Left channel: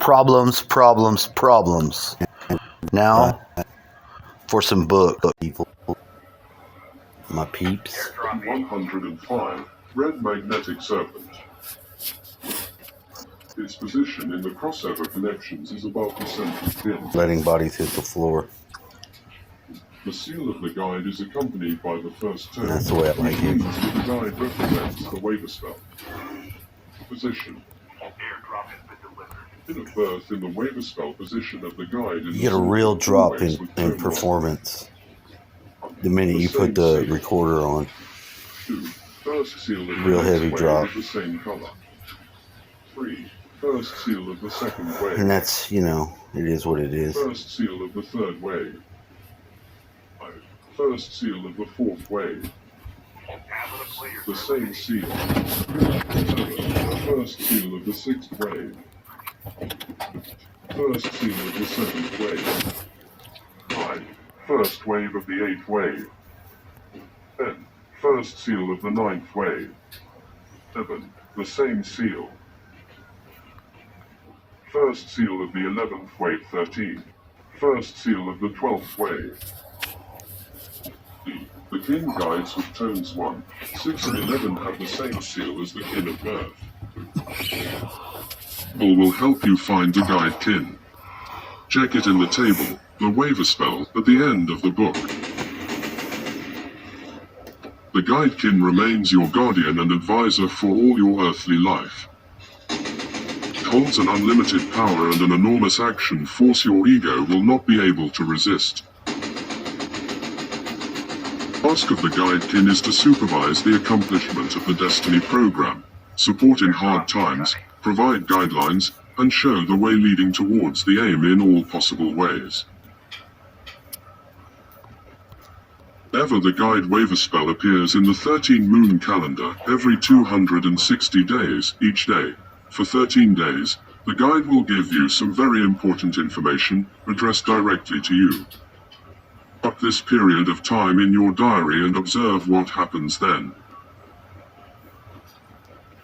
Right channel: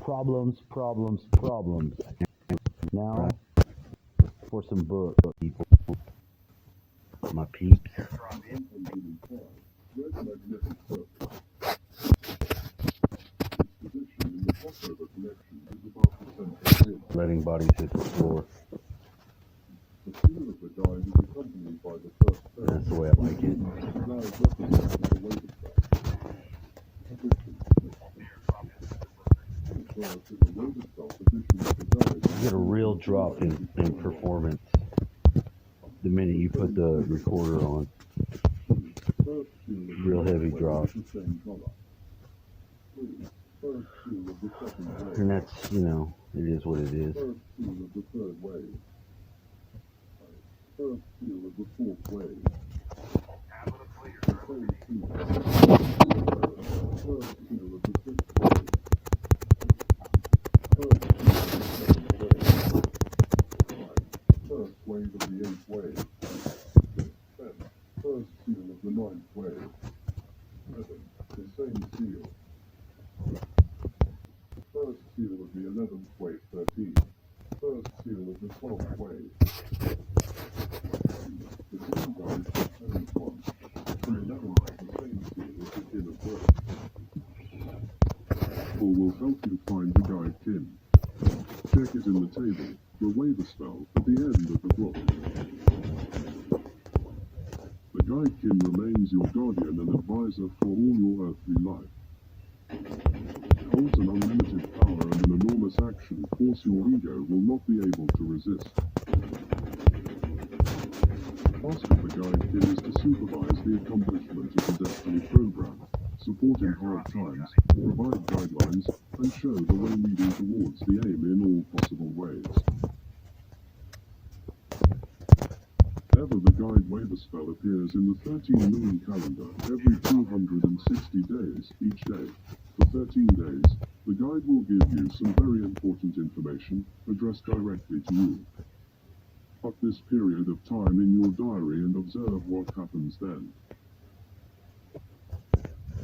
Problems, problems, problems. Now, for some book, people. My peeps. 105. Red magnetic serpent. Its position in the crossover connections is above the central pin. Letting bodies hit the floor. The seal of the guide is accompanied by the first tone. That's the way I like it. The guide represents the waiver spell. Position. In a birth in the waiver spell position of the guide. You get a real drop in performance the minute you put the recorder on. First seal of the Real heavy drop. the same color. 3. First seal of the second wave. And that's, you know, it is what it is. First seal of the third wave. 5. First seal of the fourth wave. The same seal. 7. First seal of the sixth wave. First seal of the seventh wave. 5. First wave of the eighth wave. 10. First seal of the ninth wave. 7. The same seal. First seal of the 11th wave. 13. First seal of the 12th wave. The kin guides with tones 1, 6 and 11 have the same seal as the kin of birth. Will help you find the guide kin. Check it in the table, the waiver spell, at the end of the book. The guide kin remains your guardian and advisor for all your earthly life. It holds an unlimited power and an enormous action force your ego will not be able to resist. The task of the guide kin is to supervise the accomplishment of the Destiny program, support in hard times, provide guidelines, and show the way leading towards the aim in all possible ways. Whenever the guide waiver spell appears in the 13 moon calendar every 260 days, each day, for 13 days, the guide will give you some very important information addressed directly to you. Mark this period of time in your diary and observe what happens then.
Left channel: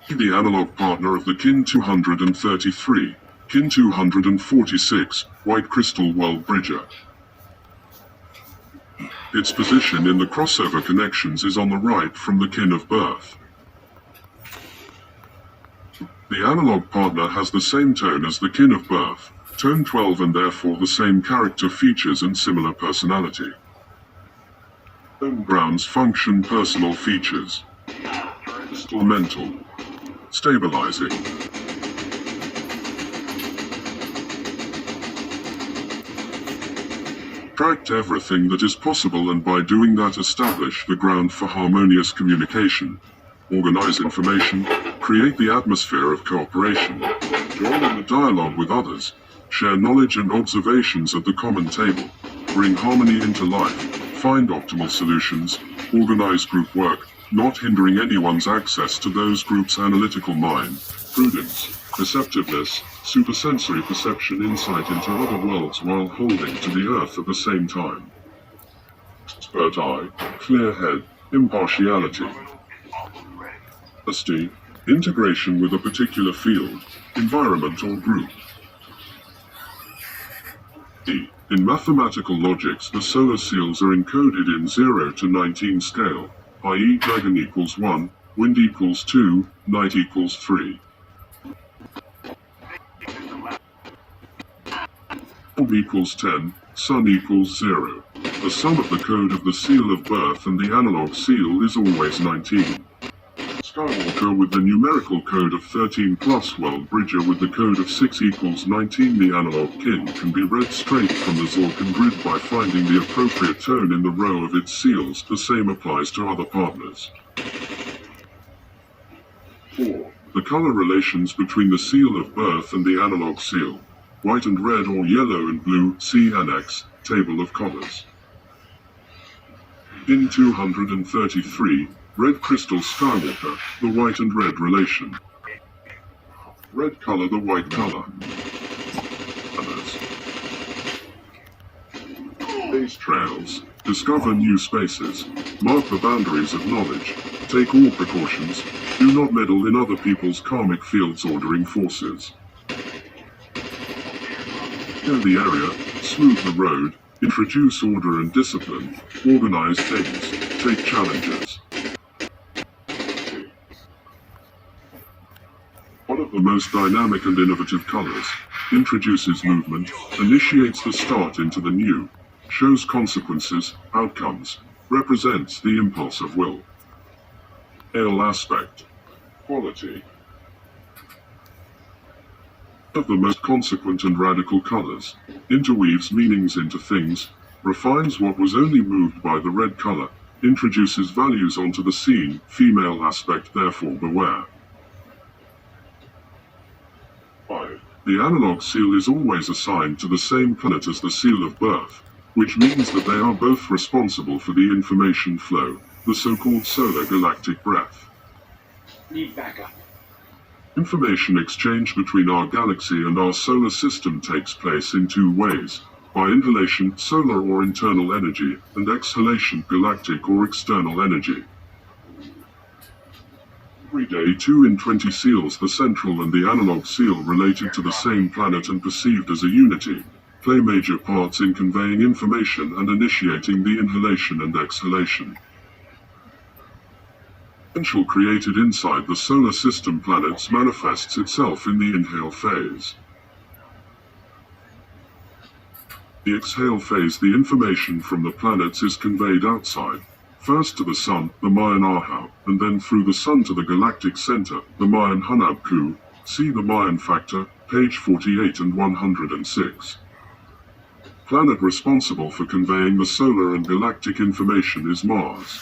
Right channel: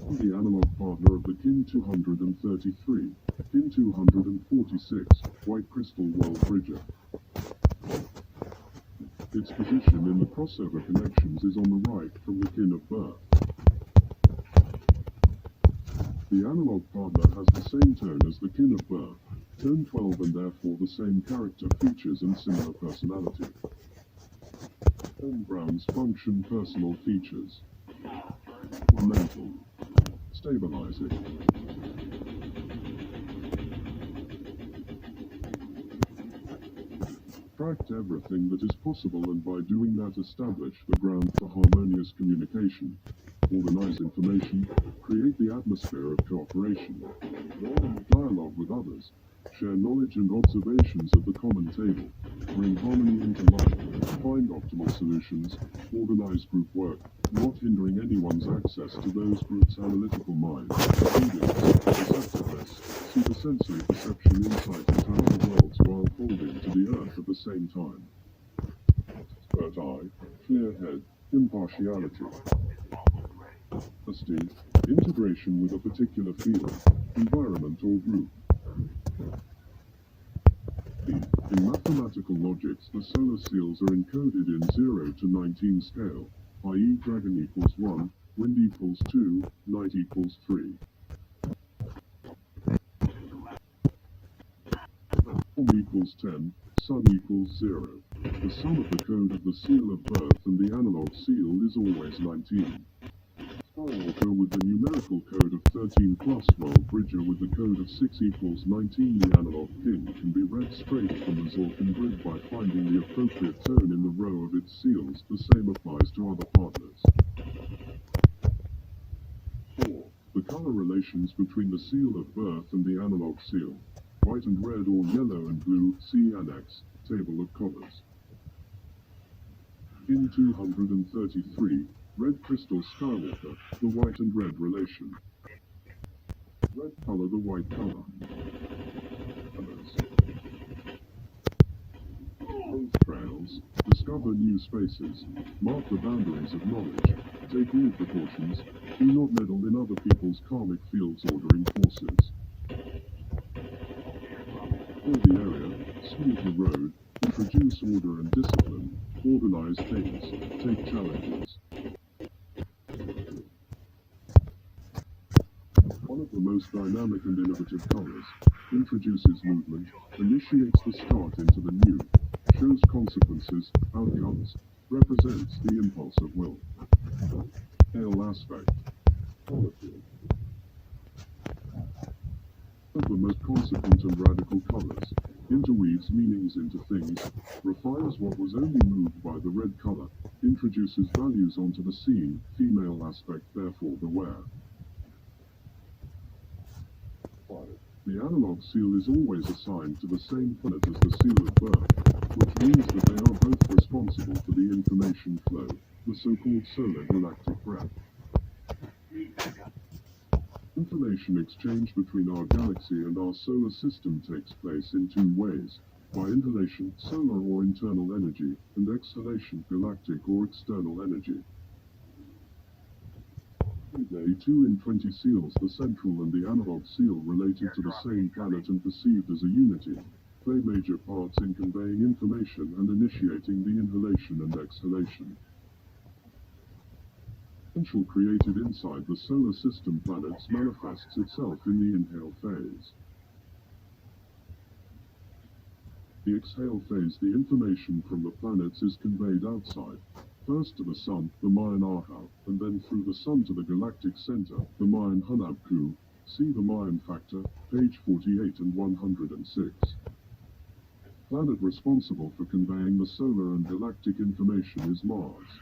Be the analog partner of the Kin 233, Kin 246, White Crystal World Bridger. Its position in the crossover connections is on the right from the kin of birth. The analog partner has the same tone as the kin of birth, tone 12, and therefore the same character features and similar personality. Tone grounds function personal features. Mental. Stabilizing. Attract everything that is possible, and by doing that establish the ground for harmonious communication. Organize information, create the atmosphere of cooperation, join in the dialogue with others, share knowledge and observations at the common table, bring harmony into life, find optimal solutions, organize group work, not hindering anyone's access to those groups' analytical mind, prudence, receptiveness, supersensory perception, insight into other worlds while holding to the earth at the same time. Expert eye, clear head, impartiality. Honesty, integration with a particular field, environment or group. In mathematical logics, the solar seals are encoded in 0 to 19 scale, i.e. dragon equals 1, wind equals 2, night equals 3. Orb equals 10, sun equals 0. The sum of the code of the seal of birth and the analog seal is always 19. Skywalker with the numerical code of 13 plus World Bridger with the code of 6 equals 19. The analog kin can be read straight from the Zorkan grid by finding the appropriate tone in the row of its seals. The same applies to other partners. 4. The color relations between the seal of birth and the analog seal. White and red or yellow and blue. See Annex, Table of Colors. In 233, Red Crystal Skywalker, the white and red relation. Red color, the white color. Others. Space trails. Discover new spaces. Mark the boundaries of knowledge. Take all precautions. Do not meddle in other people's karmic fields ordering forces. clear the area, smooth the road, introduce order and discipline, organize things, take challenges. One of the most dynamic and innovative colors, introduces movement, initiates the start into the new, shows consequences, outcomes, represents the impulse of will. Ale aspect. Quality. One of the most consequent and radical colors, interweaves meanings into things, refines what was only moved by the red color, introduces values onto the scene, female aspect, therefore beware. 5. The analog seal is always assigned to the same planet as the seal of birth, which means that they are both responsible for the information flow, the so-called solar galactic breath. Need backup. Information exchange between our galaxy and our solar system takes place in two ways, by inhalation, solar or internal energy, and exhalation, galactic or external energy. Every day 2 in 20 seals, the central and the analog seal related to the same planet and perceived as a unity, play major parts in conveying information and initiating the inhalation and exhalation. Potential created inside the solar system planets manifests itself in the inhale phase. The exhale phase, the information from the planets is conveyed outside, first to the Sun, the Mayan Ahau, and then through the Sun to the galactic center, the Mayan Hunabku. See the Mayan factor, page 48 and 106. Planet responsible for conveying the solar and galactic information is Mars.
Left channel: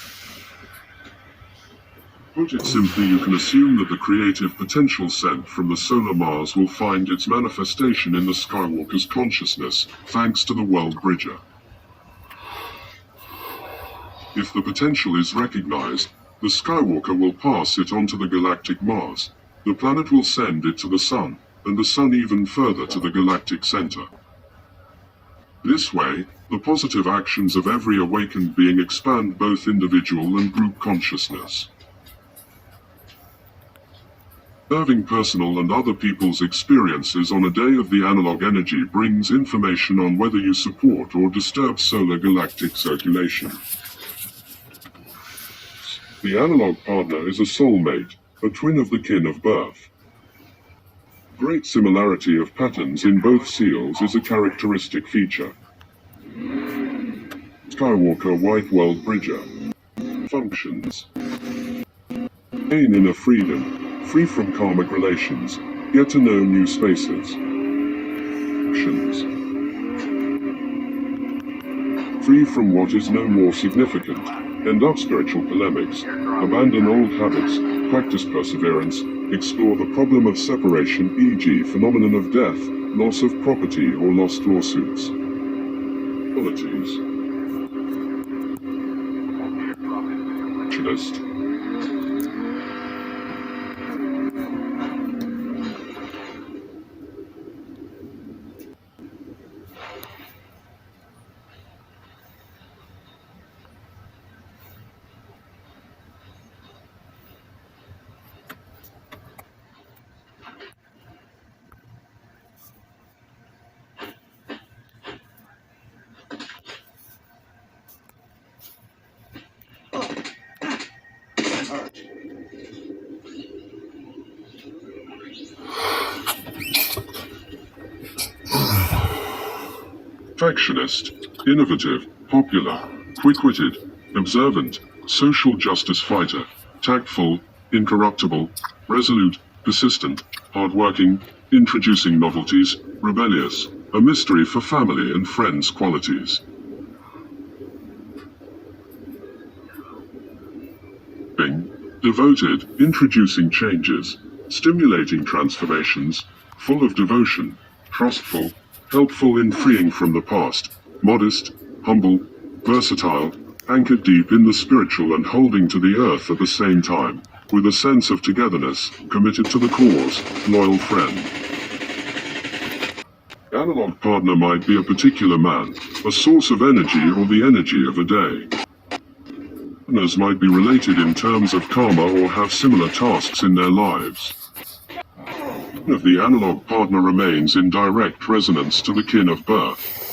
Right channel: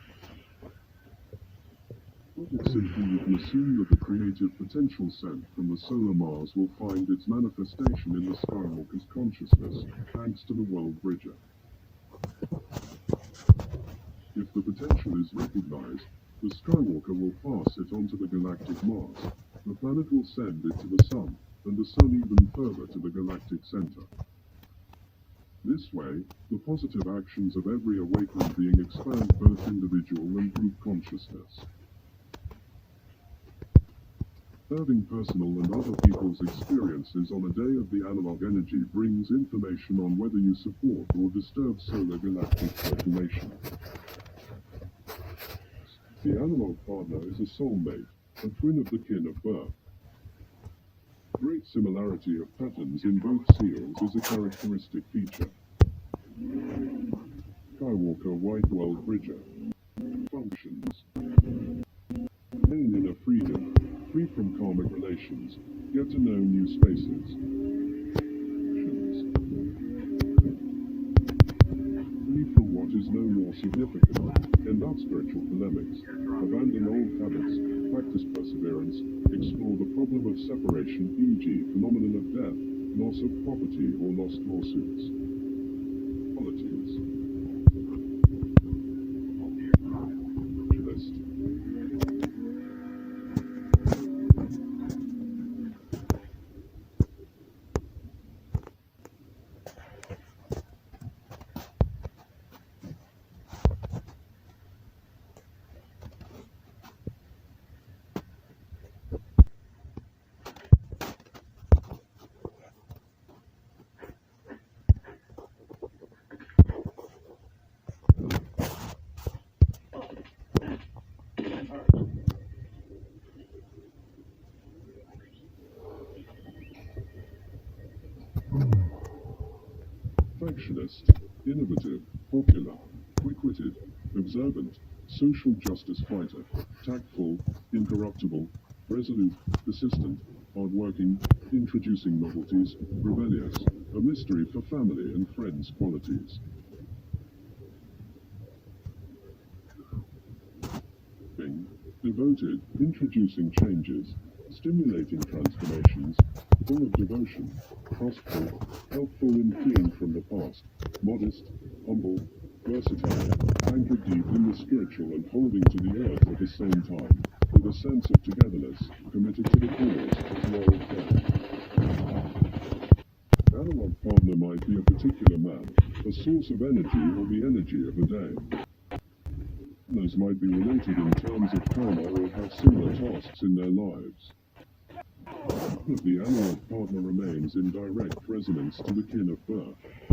Put it simply, you can assume that the creative potential sent from the solar Mars will find its manifestation in the Skywalker's consciousness, thanks to the World Bridger. If the potential is recognized, the Skywalker will pass it on to the galactic Mars, the planet will send it to the Sun, and the Sun even further to the galactic center. This way, the positive actions of every awakened being expand both individual and group consciousness. Observing personal and other people's experiences on a day of the analog energy brings information on whether you support or disturb solar galactic circulation. The analog partner is a soulmate, a twin of the kin of birth. Great similarity of patterns in both seals is a characteristic feature. Skywalker White World Bridger. Functions. Gain inner freedom. Free from karmic relations, get to know new spaces. Actions. Free from what is no more significant, end up spiritual polemics, abandon old habits, practice perseverance, explore the problem of separation, e.g. phenomenon of death, loss of property or lost lawsuits. Qualities. Specialist. Perfectionist, innovative, popular, quick-witted, observant, social justice fighter, tactful, incorruptible, resolute, persistent, hardworking, introducing novelties, rebellious, a mystery for family and friends qualities. Devoted, introducing changes, stimulating transformations, full of devotion, trustful, helpful in freeing from the past, modest, humble, versatile, anchored deep in the spiritual and holding to the earth at the same time, with a sense of togetherness, committed to the cause, loyal friend. The analog partner might be a particular man, a source of energy or the energy of a day. Partners might be related in terms of karma or have similar tasks in their lives. of the analog partner remains in direct resonance to the kin of birth.